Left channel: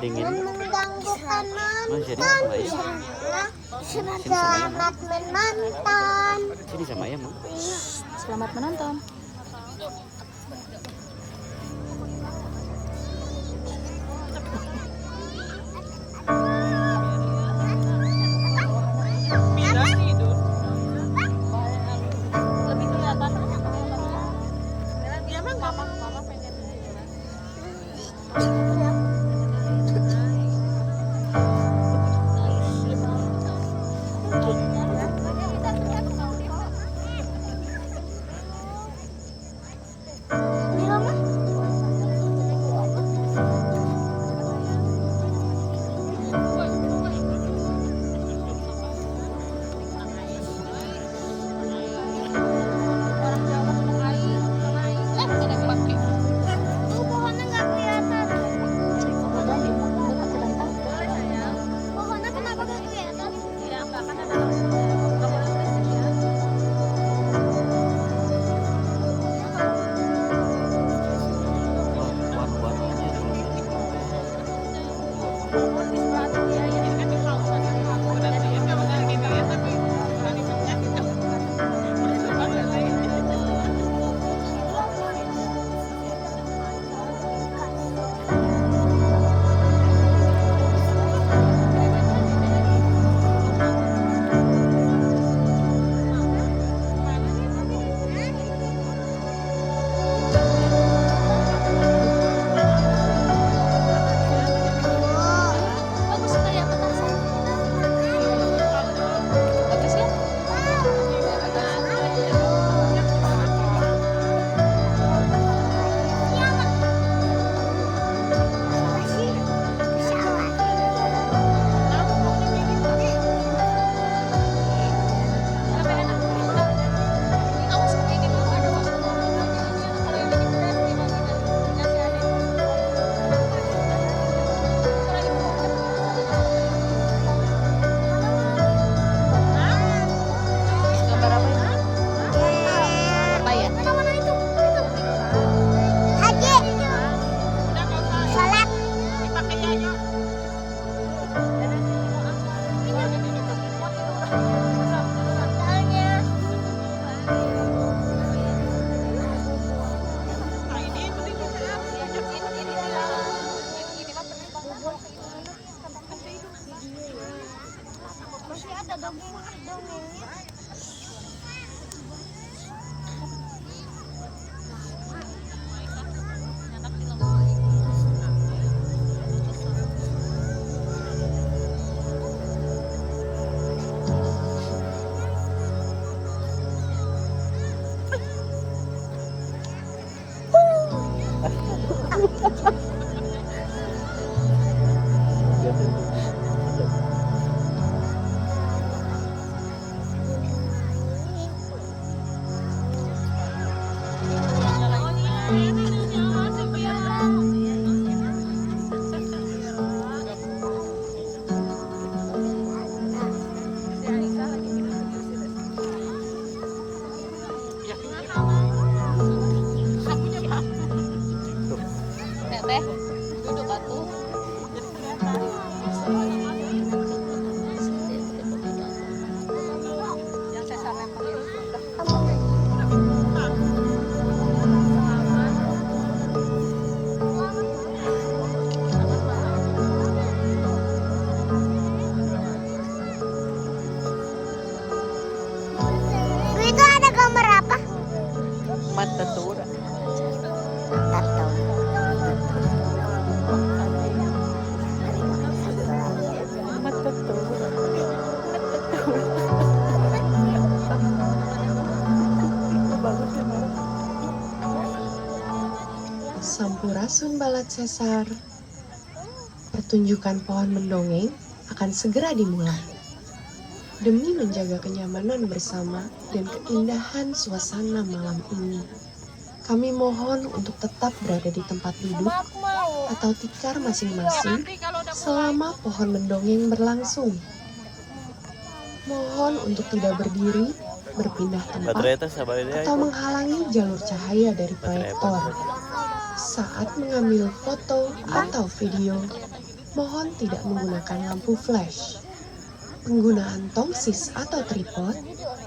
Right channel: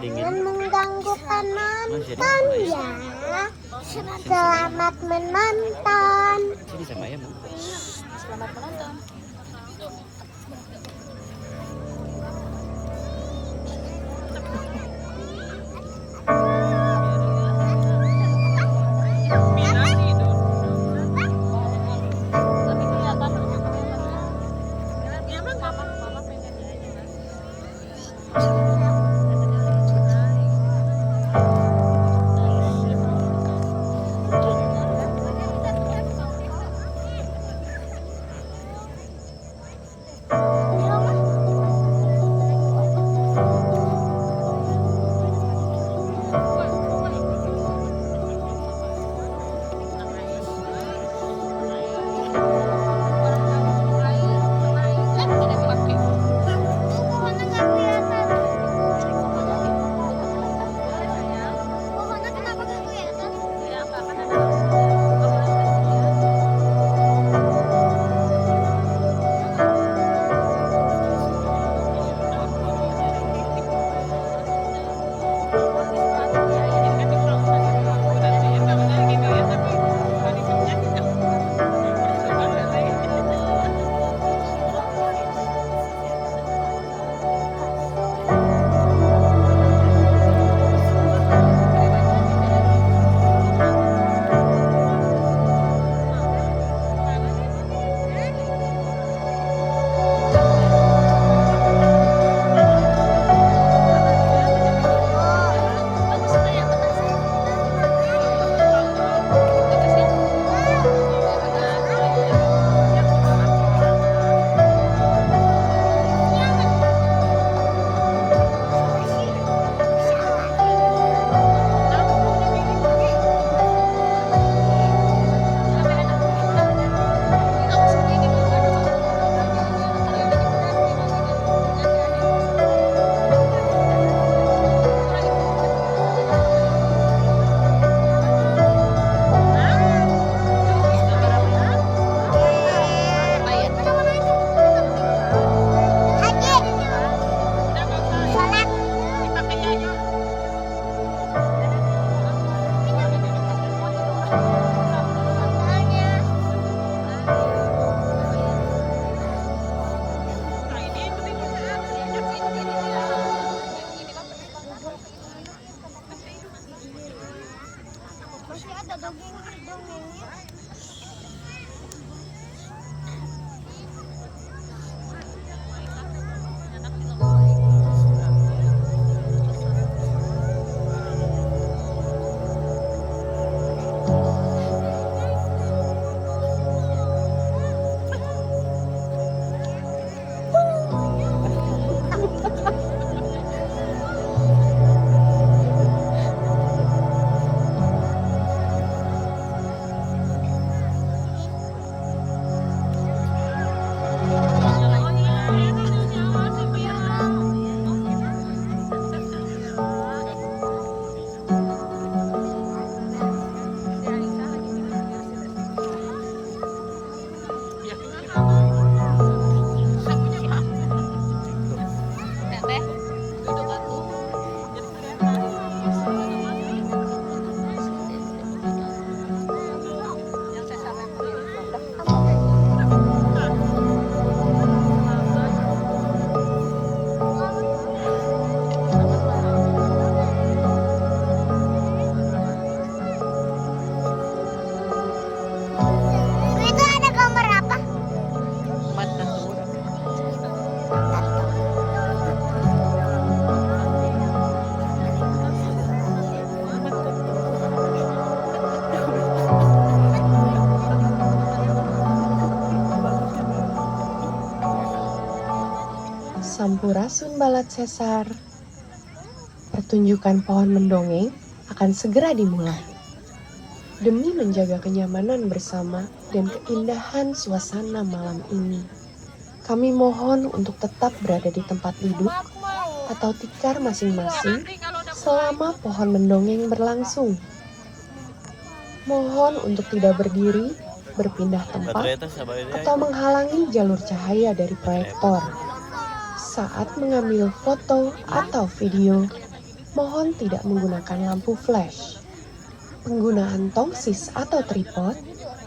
dingin. Mengganggu penonton. Jadi sama ya. Selamat menonton. Sini sama ya, Mam. Selamat menonton. Sampurasun Balat Sesar. Pertunjukan pohon mendongeng akan segera dimulai. Demi menjaga kenyamanan bersama dan keindahan suasana malam ini, kami mohon untuk tetap berada di tempat duduk atau tikar masing-masing selama pohon mendongeng berlangsung. Mohon untuk tidak berdiri, berpindah tempat, atau menghalangi jalur cahaya dari proyektor saat mengambil foto atau video mohon tidak menggunakan lampu flash. Penggunaan tongsis atau tripod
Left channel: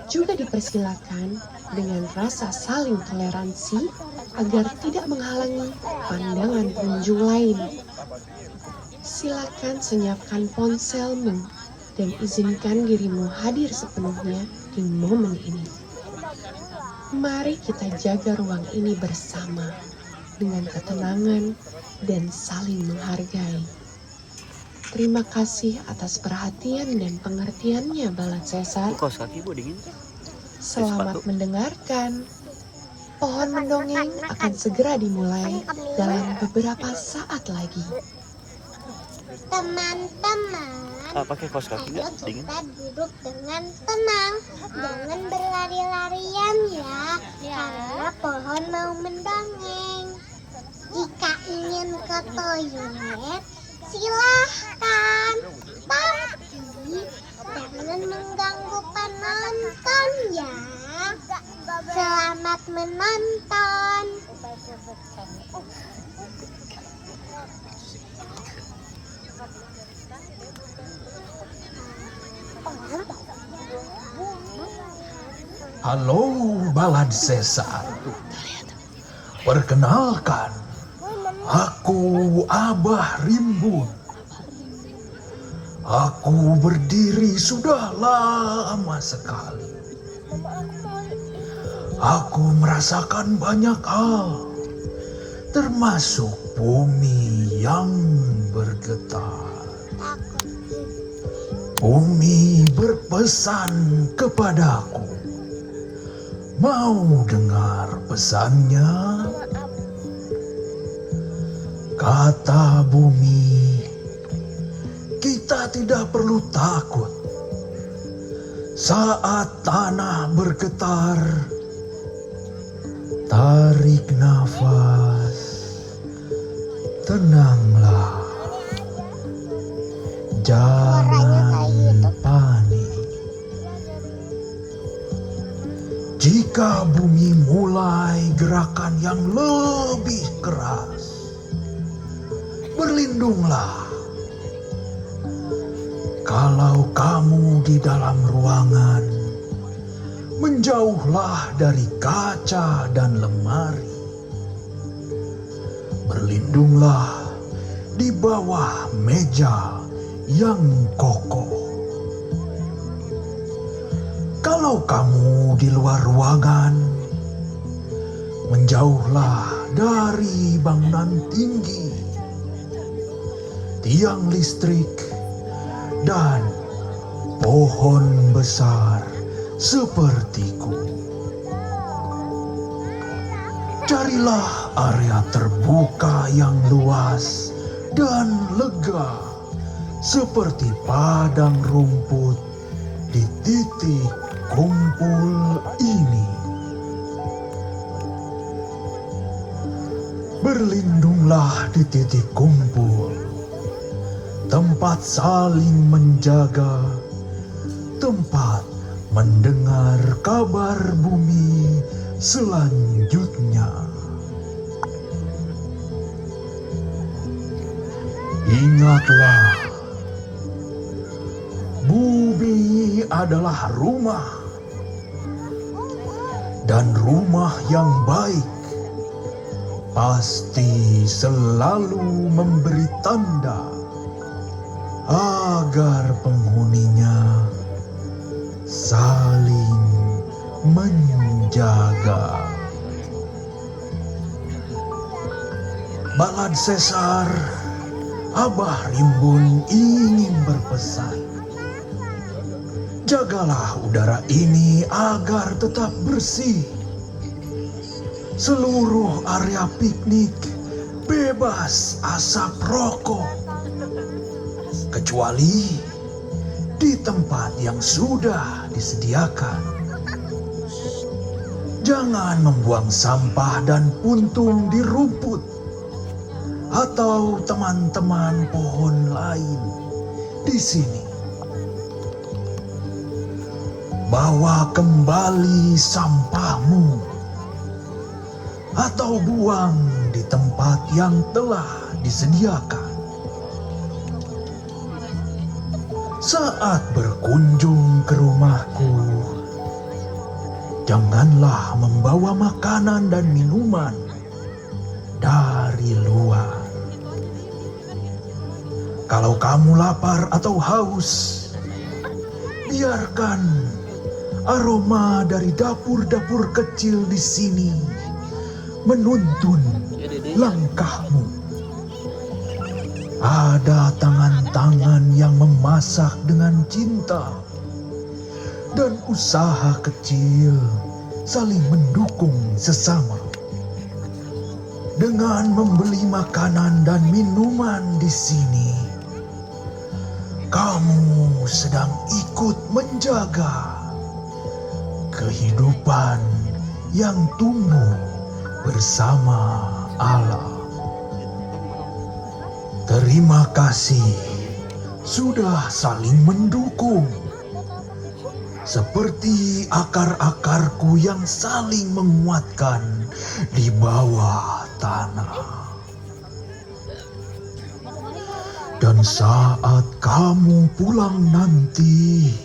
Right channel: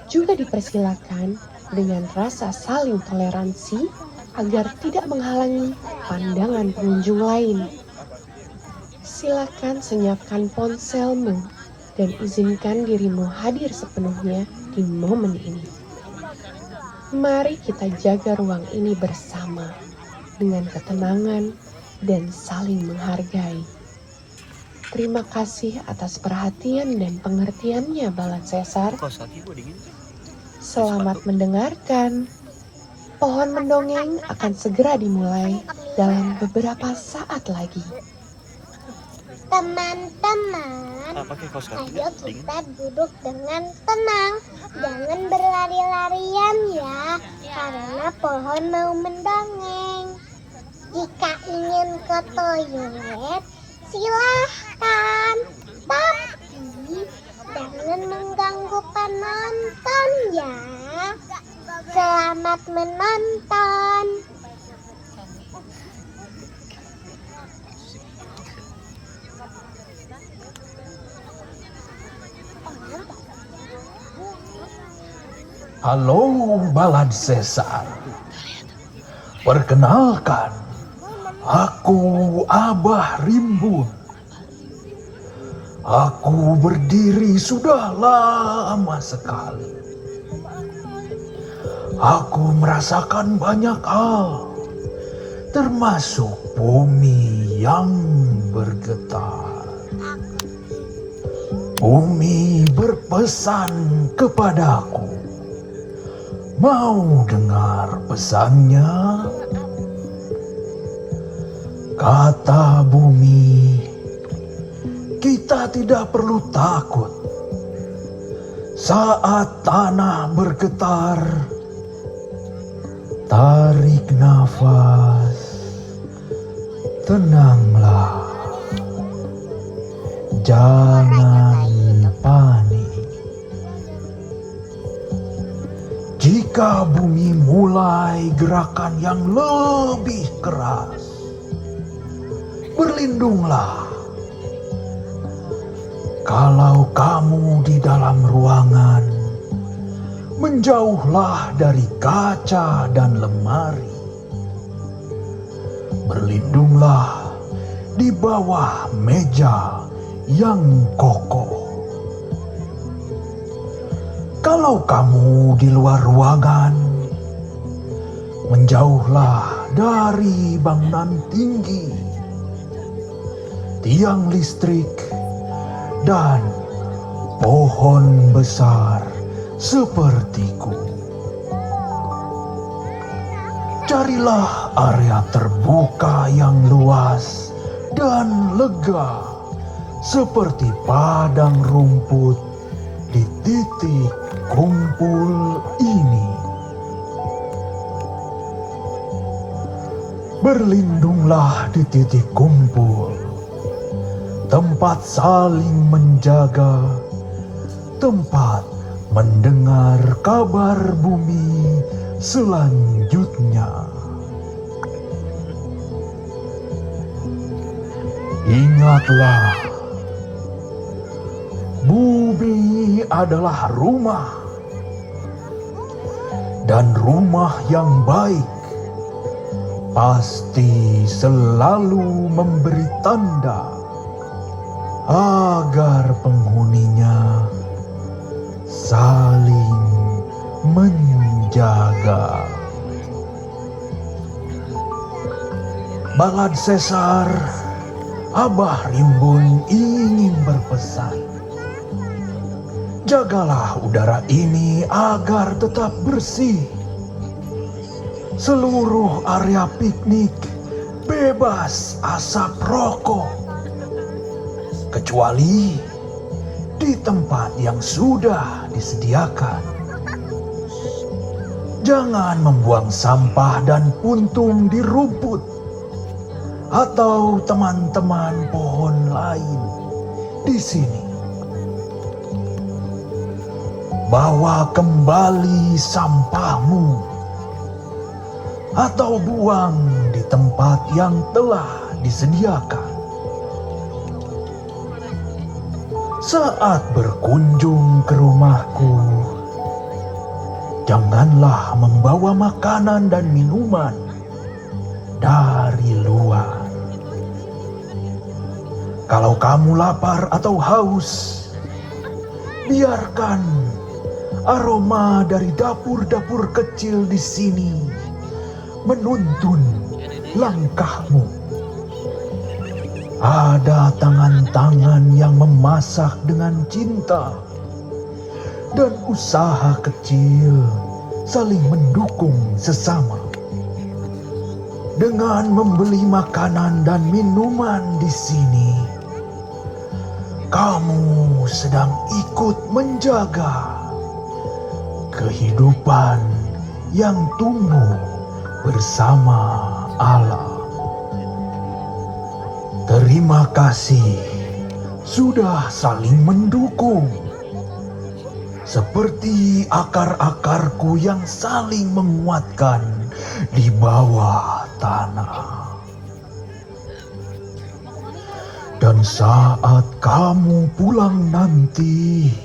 juga dipersilakan dengan rasa saling toleransi agar tidak menghalangi pandangan pengunjung lain. Silakan senyapkan ponselmu dan izinkan dirimu hadir sepenuhnya di momen ini. Mari kita jaga ruang ini bersama dengan ketenangan dan saling menghargai. Terima kasih atas perhatian dan pengertiannya, Balad Sesar. Selamat mendengarkan. Pohon mendongeng akan segera dimulai dalam beberapa saat lagi. Teman-teman, pakai kaos kaki ayo nggak? Dingin. kita duduk dengan tenang. Jangan berlari-larian ya, karena pohon mau mendongeng. Jika ingin ke toilet, silahkan. Tapi jangan mengganggu penonton ya. Selamat menonton. Halo Balad Sesar. Perkenalkan, aku Abah Rimbun. Aku berdiri sudah lama sekali. Aku merasakan banyak hal, termasuk bumi yang bergetar. Bumi berpesan kepadaku. Mau dengar pesannya? Kata bumi, kita tidak perlu takut. Saat tanah bergetar, tarik nafas, tenanglah, jangan panik. Jika bumi mulai gerakan yang lebih keras, berlindunglah. Kalau kamu di dalam ruangan, menjauhlah dari kaca dan lemari. Berlindunglah di bawah meja yang kokoh. Kalau kamu di luar ruangan, menjauhlah dari bangunan tinggi, tiang listrik, dan pohon besar sepertiku. Carilah area terbuka yang luas dan lega, seperti padang rumput di titik kumpul ini. Berlindunglah di titik kumpul, tempat saling menjaga, tempat mendengar kabar bumi selanjutnya. Ingatlah, bumi adalah rumah, dan rumah yang baik pasti selalu memberi tanda agar penghuninya saling menjaga. Balad Sesar, Abah Rimbun ingin berpesan. Jagalah udara ini agar tetap bersih. Seluruh area piknik bebas asap rokok, kecuali di tempat yang sudah disediakan. Jangan membuang sampah dan puntung di rumput atau teman-teman pohon lain di sini. Bawa kembali sampahmu atau buang di tempat yang telah disediakan. saat berkunjung ke rumahku, janganlah membawa makanan dan minuman dari luar. Kalau kamu lapar atau haus, biarkan aroma dari dapur-dapur kecil di sini menuntun langkahmu. Ada tangan-tangan yang memasak dengan cinta dan usaha kecil saling mendukung sesama. Dengan membeli makanan dan minuman di sini, kamu sedang ikut menjaga kehidupan yang tumbuh bersama Allah. Terima kasih sudah saling mendukung, seperti akar-akarku yang saling menguatkan di bawah tanah. Dan saat kamu pulang nanti,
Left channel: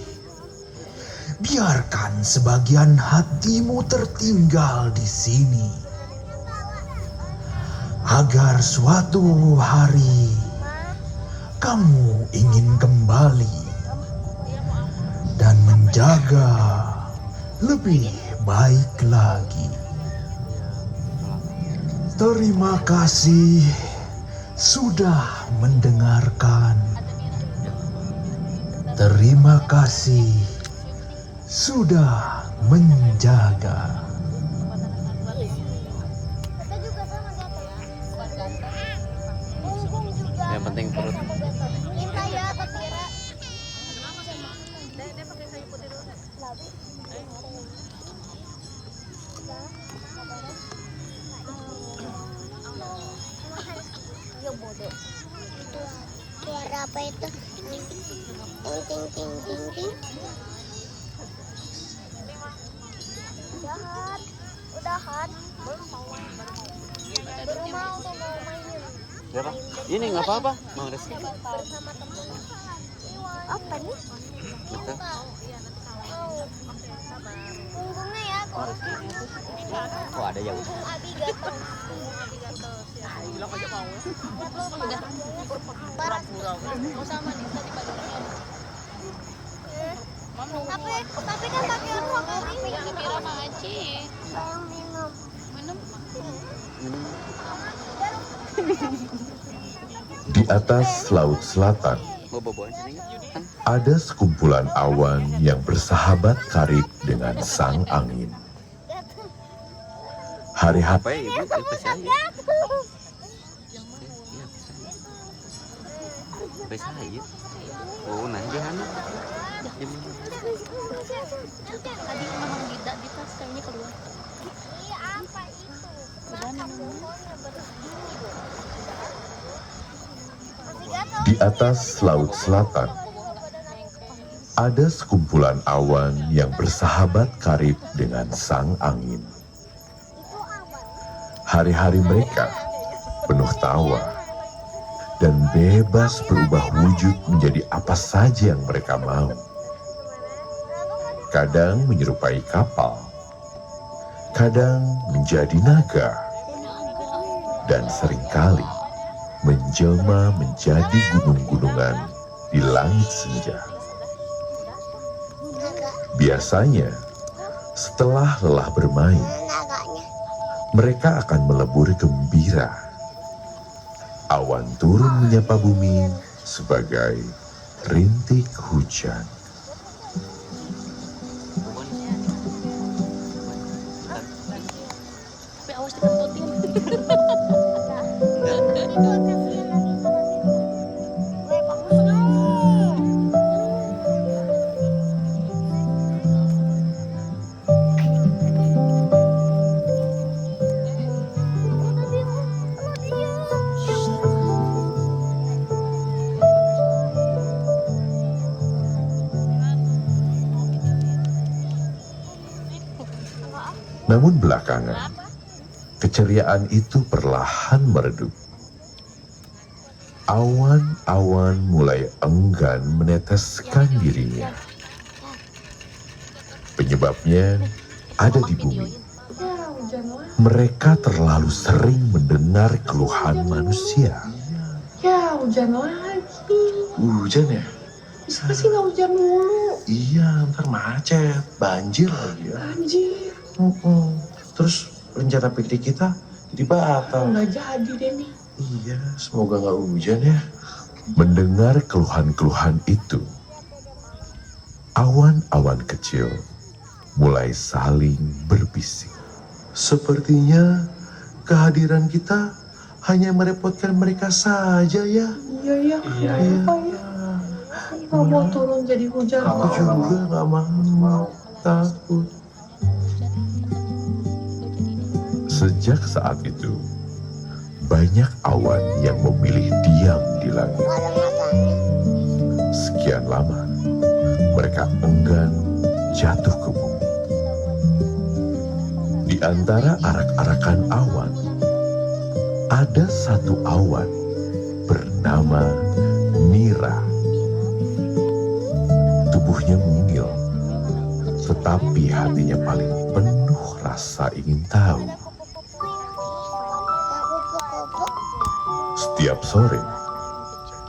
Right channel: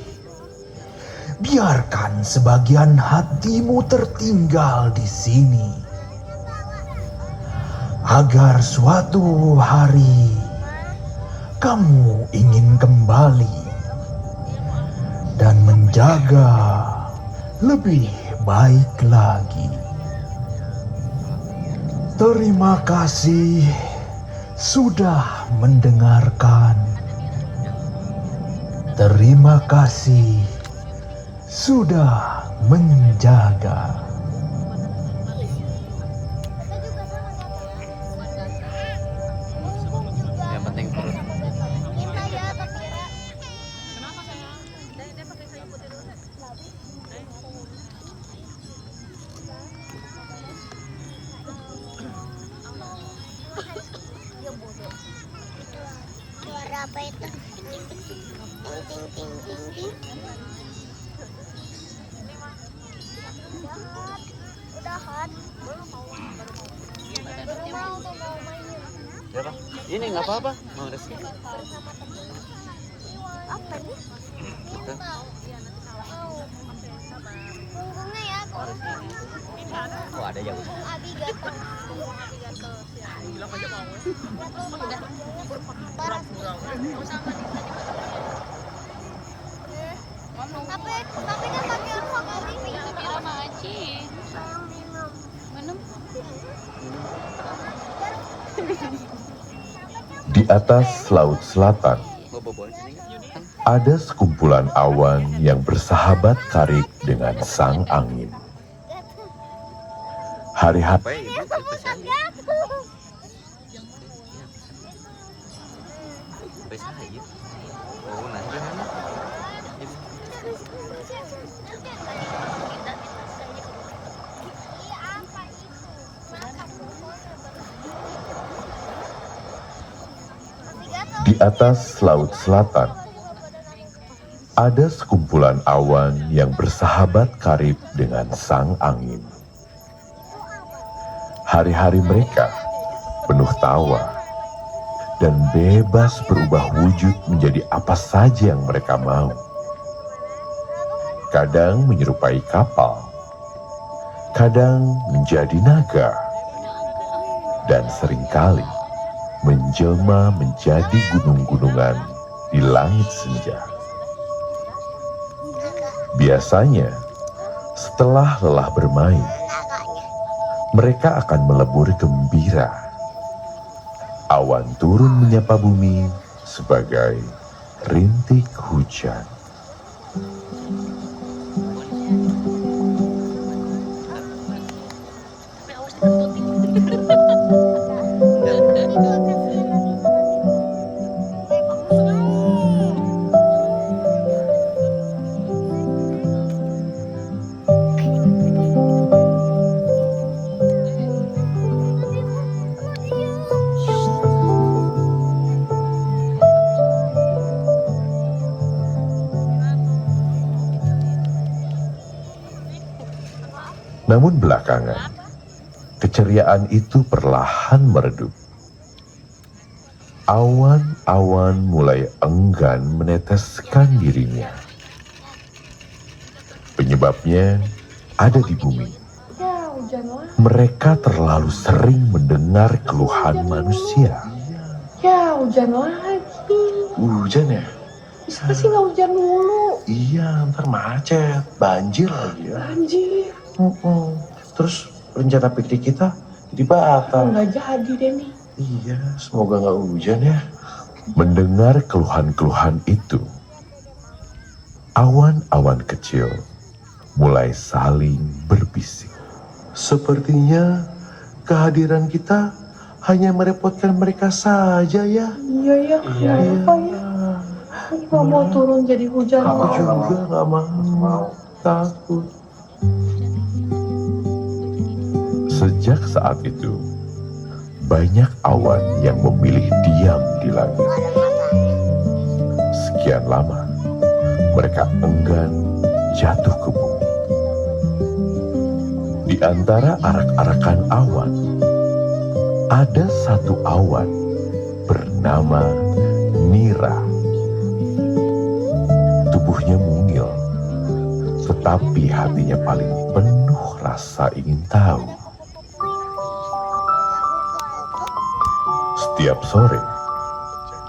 biarkan sebagian hatimu tertinggal di sini, agar suatu hari kamu ingin kembali dan menjaga lebih baik lagi. Terima kasih sudah mendengarkan. Terima kasih sudah menjaga. Yang penting perut. Suara apa itu? Ting ting ting ting ting. Udah hot. Siapa? Ini nggak apa-apa. Nulis. Apa nih? Oke. Oh ada ya udah. Di atas laut selatan, Oh boboan. ada sekumpulan awan yang bersahabat karib dengan sang angin. Hari-hari Apa ya ibu? Itu saya. Bisa aja. Oh nah dia mana? di atas laut selatan, ada sekumpulan awan yang bersahabat karib dengan sang angin. Hari-hari mereka penuh tawa dan bebas berubah wujud menjadi apa saja yang mereka mau. Kadang menyerupai kapal, kadang menjadi naga, dan seringkali menjelma menjadi gunung-gunungan di langit senja. Biasanya, setelah lelah bermain, mereka akan melebur gembira. Awan turun menyapa bumi sebagai rintik hujan. Namun belakangan, keceriaan itu perlahan meredup. Awan-awan mulai enggan meneteskan dirinya. Penyebabnya ada di bumi. Ya, hujan lagi. Mereka terlalu sering mendengar keluhan manusia. Ya, hujan lagi. Hujan ya? Bisa sih nggak hujan dulu? Iya, ntar macet, banjir lagi ya. Anjir, Terus rencana piknik kita jadi batal. nggak jadi deh nih. Iya, semoga nggak hujan ya. Mendengar keluhan-keluhan itu, awan-awan kecil mulai saling berbisik. Sepertinya kehadiran kita hanya merepotkan mereka saja ya. Iya ya, kenapa ya? Nggak mau turun jadi hujan Aku lagi. juga nggak mau, takut. Sejak saat itu, banyak awan yang memilih diam di langit. Sekian lama, mereka enggan jatuh ke bumi. Di antara arak-arakan awan, ada satu awan bernama Nira. Tubuhnya mungil, tetapi hatinya paling penuh rasa ingin tahu. Setiap sore,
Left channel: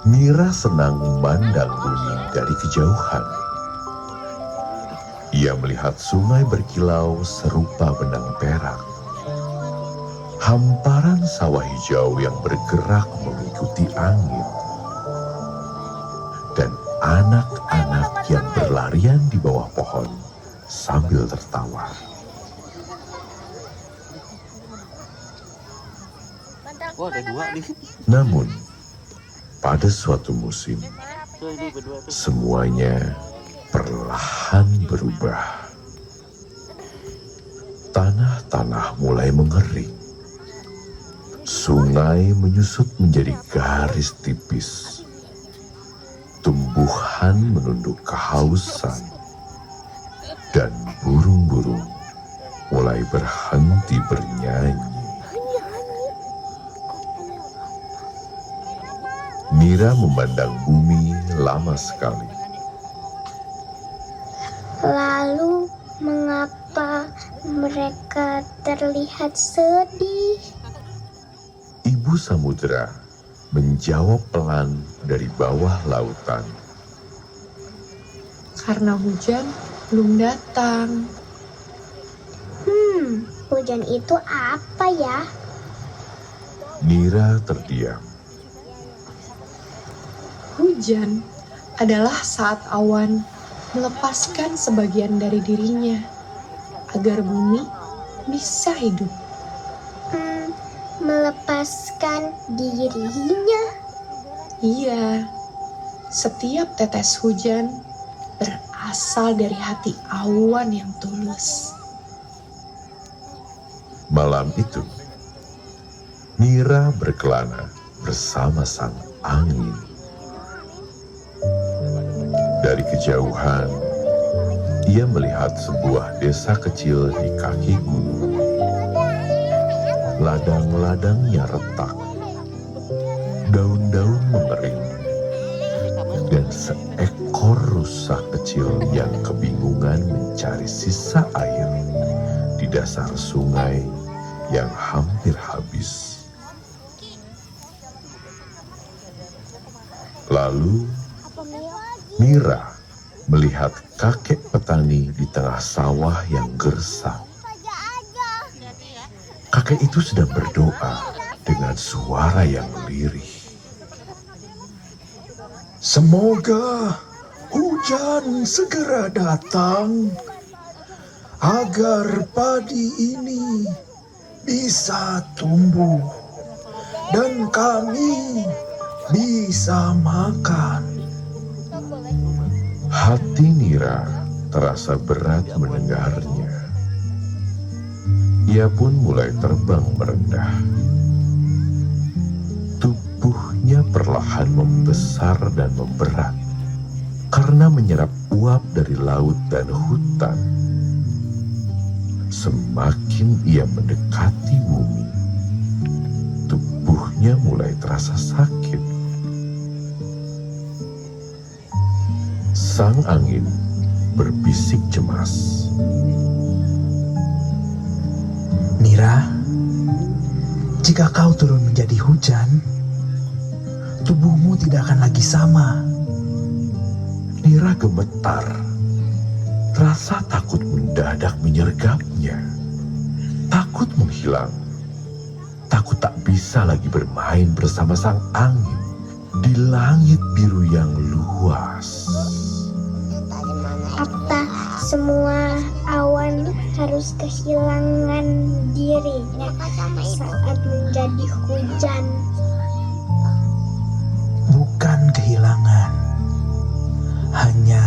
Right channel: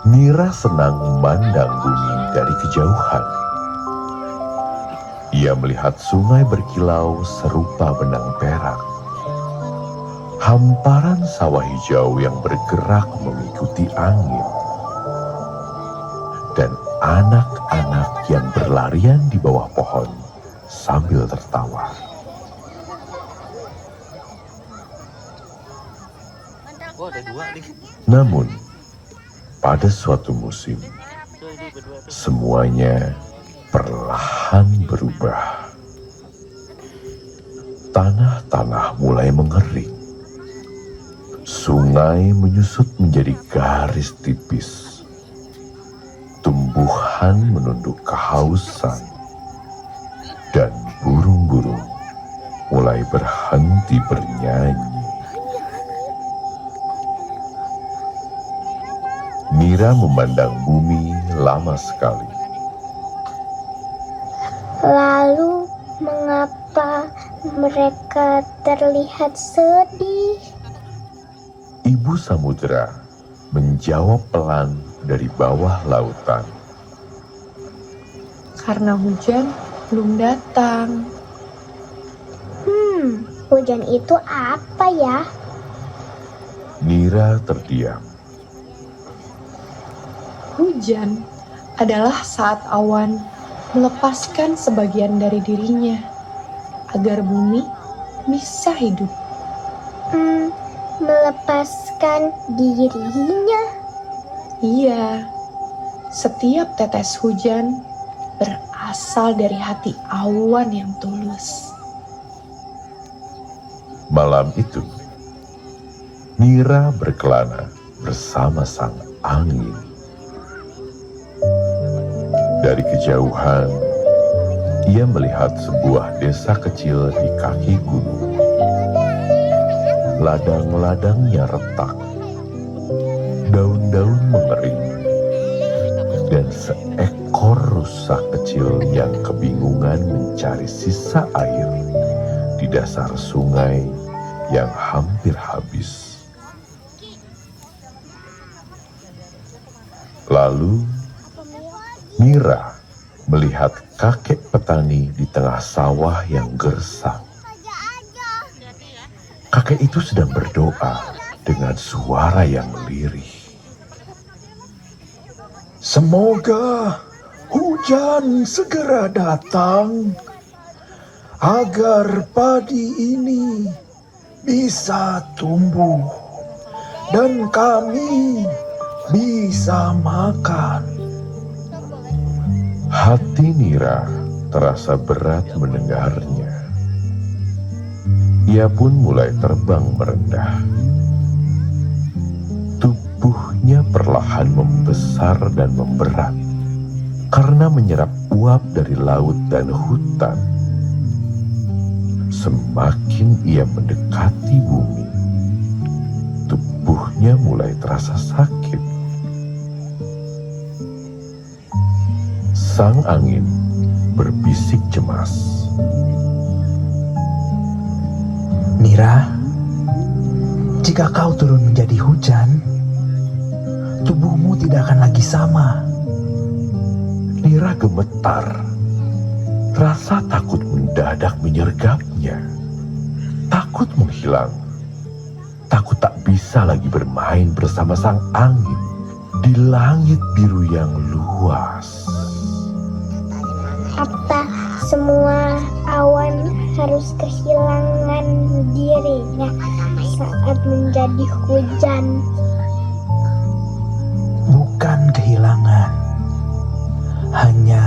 Nira senang memandang bumi dari kejauhan. Ia melihat sungai berkilau serupa benang perak. Hamparan sawah hijau yang bergerak mengikuti angin. Dan anak-anak yang berlarian di bawah pohon sambil tertawa. Oh, ada dua nih. Namun, pada suatu musim, semuanya perlahan berubah. Tanah-tanah mulai mengering. Sungai menyusut menjadi garis tipis. Tumbuhan menunduk kehausan. Dan burung-burung mulai berhenti bernyanyi. Mira memandang bumi lama sekali. Lalu mengapa mereka terlihat sedih? Ibu Samudra menjawab pelan dari bawah lautan. Karena hujan belum datang. Hujan itu apa ya? Mira terdiam. Hujan adalah saat awan melepaskan sebagian dari dirinya agar bumi bisa hidup. Melepaskan dirinya. Iya, setiap tetes hujan berasal dari hati awan yang tulus. Malam itu, Mira berkelana bersama sang angin. Dari kejauhan, ia melihat sebuah desa kecil di kaki gunung. Ladang-ladangnya retak, daun-daun mengering, dan seekor rusa kecil yang kebingungan mencari sisa air di dasar sungai yang hampir habis. Lalu Mira melihat kakek petani di tengah sawah yang gersang. Kakek itu sedang berdoa dengan suara yang lirih. Semoga hujan segera datang agar padi ini bisa tumbuh dan kami bisa makan. Hati Mira terasa berat mendengarnya. Ia pun mulai terbang merendah. Tubuhnya perlahan membesar dan memberat karena menyerap uap dari laut dan hutan. Semakin ia mendekati bumi, tubuhnya mulai terasa sakit. angin berbisik cemas. Mira, jika kau turun menjadi hujan, tubuhmu tidak akan lagi sama. Mira gemetar. Rasa takut mendadak menyergapnya. Takut menghilang. Takut tak bisa lagi bermain bersama sang angin di langit biru yang luas. Apa semua awan harus kehilangan dirinya saat menjadi hujan? Bukan kehilangan, hanya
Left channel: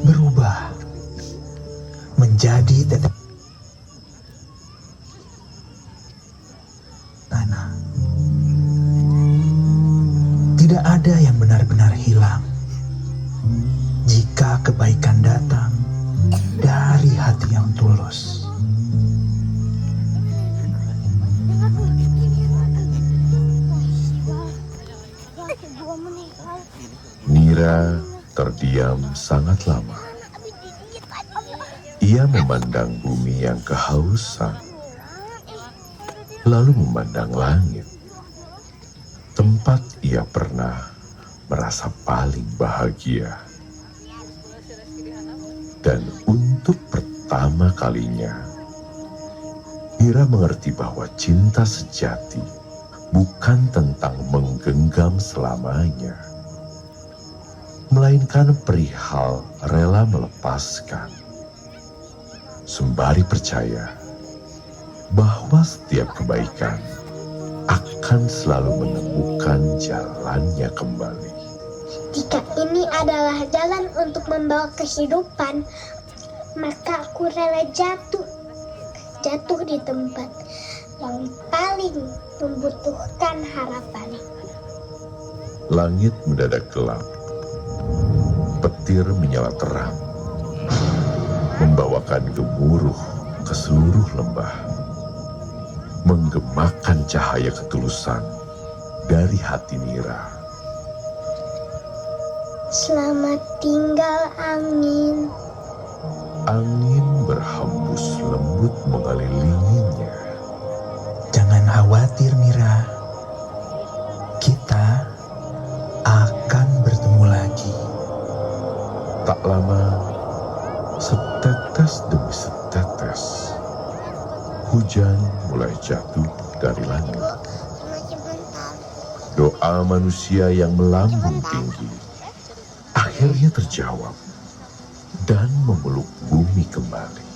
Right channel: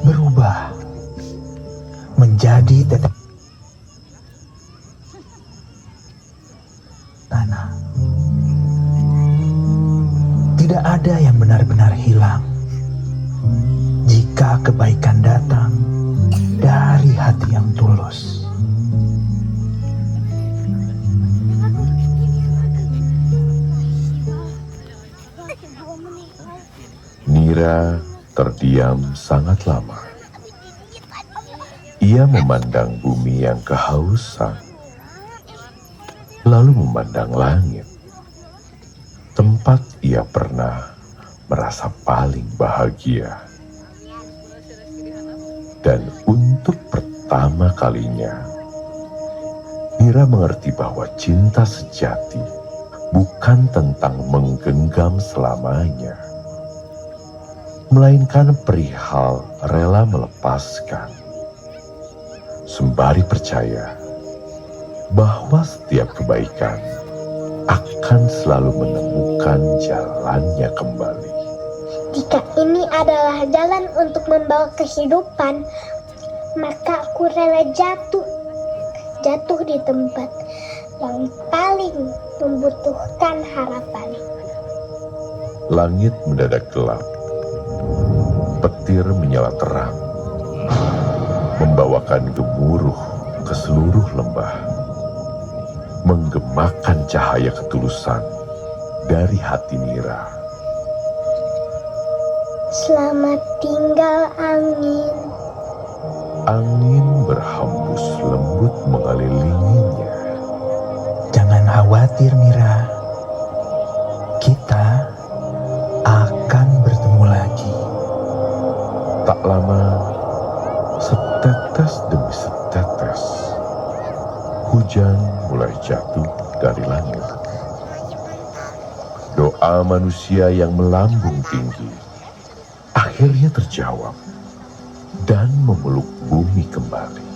berubah menjadi tetes tanah. Tidak ada yang benar-benar hilang jika kebaikan datang dari hati yang tulus. Mira terdiam sangat lama. Ia memandang bumi yang kehausan, lalu memandang langit, tempat ia pernah merasa paling bahagia. Dan untuk pertama kalinya, Mira mengerti bahwa cinta sejati bukan tentang menggenggam selamanya, melainkan perihal rela melepaskan, sembari percaya bahwa setiap kebaikan akan selalu menemukan jalannya kembali. Jika ini adalah jalan untuk membawa kehidupan, maka aku rela jatuh di tempat yang paling membutuhkan harapan. Langit mendadak gelap. Petir menyala terang, membawakan gemuruh ke seluruh lembah, menggemakan cahaya ketulusan dari hati Mira. Selamat tinggal angin. Angin berhembus lembut mengelilinginya. Jangan khawatir, Mira. Kita akan bertemu lagi. Tak lama, setetes demi setetes, hujan mulai jatuh dari langit. Doa manusia yang melambung tinggi akhirnya terjawab dan memeluk bumi kembali.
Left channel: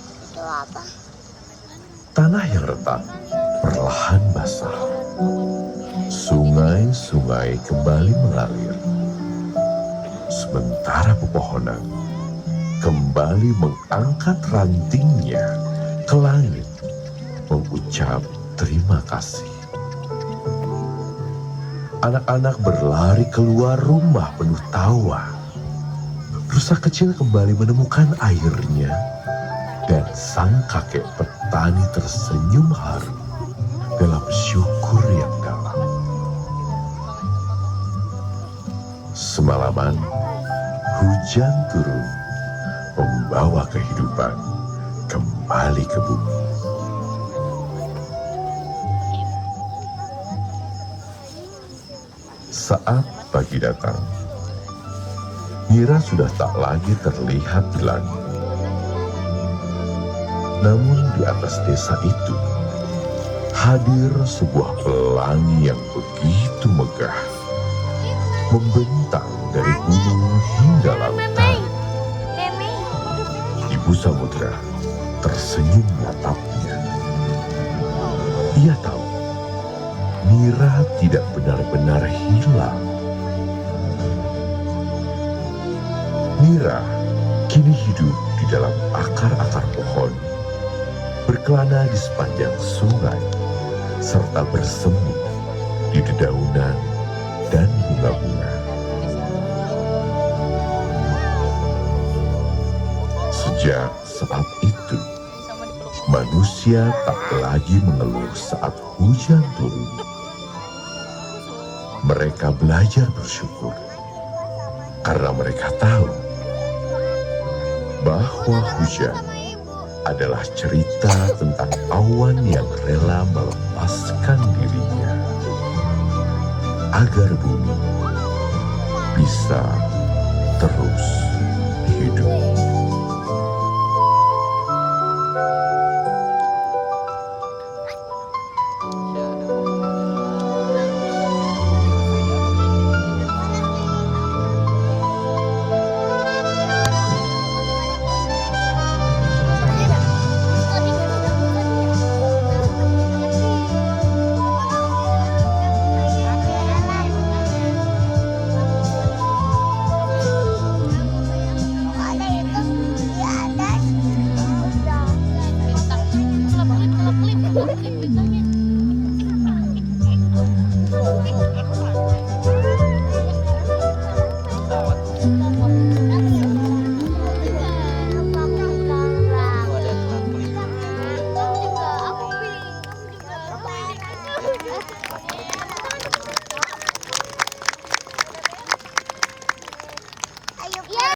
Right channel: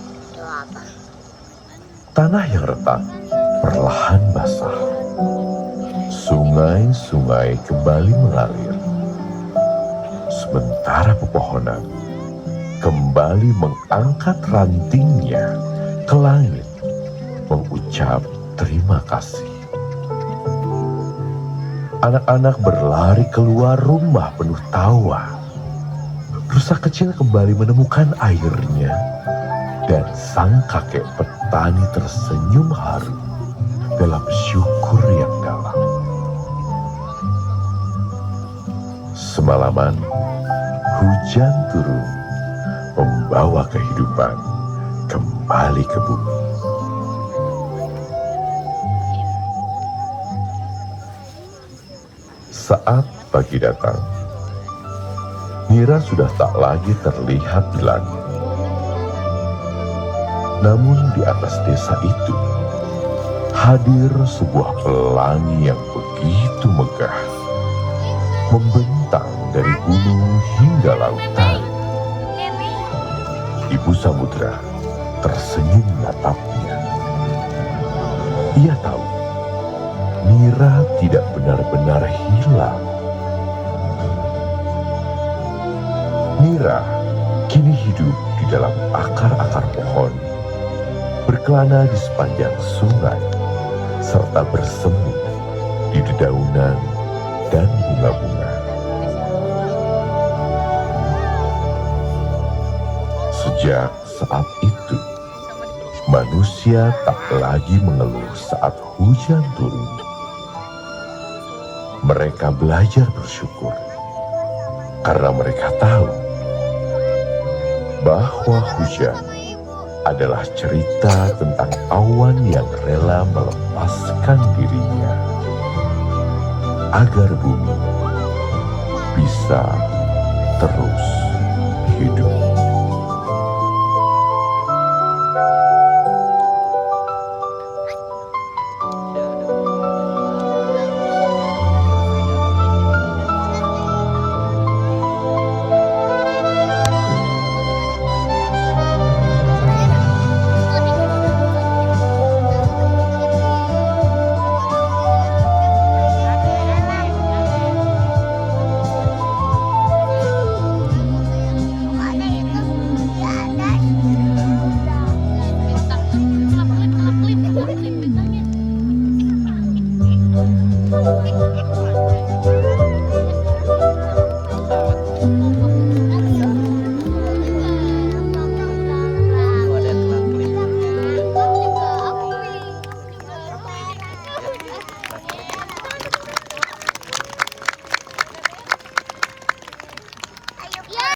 Tanah yang retak perlahan basah. Sungai-sungai kembali mengalir. Sementara pepohonan kembali mengangkat rantingnya ke langit, mengucap terima kasih. Anak-anak berlari keluar rumah penuh tawa. Rusa kecil kembali menemukan airnya, dan sang kakek petani tersenyum haru dalam syukur yang dalam. Semalaman, hujan turun, membawa kehidupan kembali ke bumi. Saat pagi datang, Mira sudah tak lagi terlihat di langit. Namun di atas desa itu, hadir sebuah pelangi yang begitu megah, membentang dari gunung hingga lautan. Ibu Samudra tersenyum menatapnya. Ia tahu Mira tidak benar-benar hilang. Mira kini hidup di dalam akar-akar pohon, berkelana di sepanjang sungai, serta bersemi di dedaunan dan bunga-bunga. Sejak saat itu, manusia tak lagi mengeluh saat hujan turun. Mereka belajar bersyukur karena mereka tahu bahwa hujan adalah cerita tentang awan yang rela melepaskan dirinya agar bumi bisa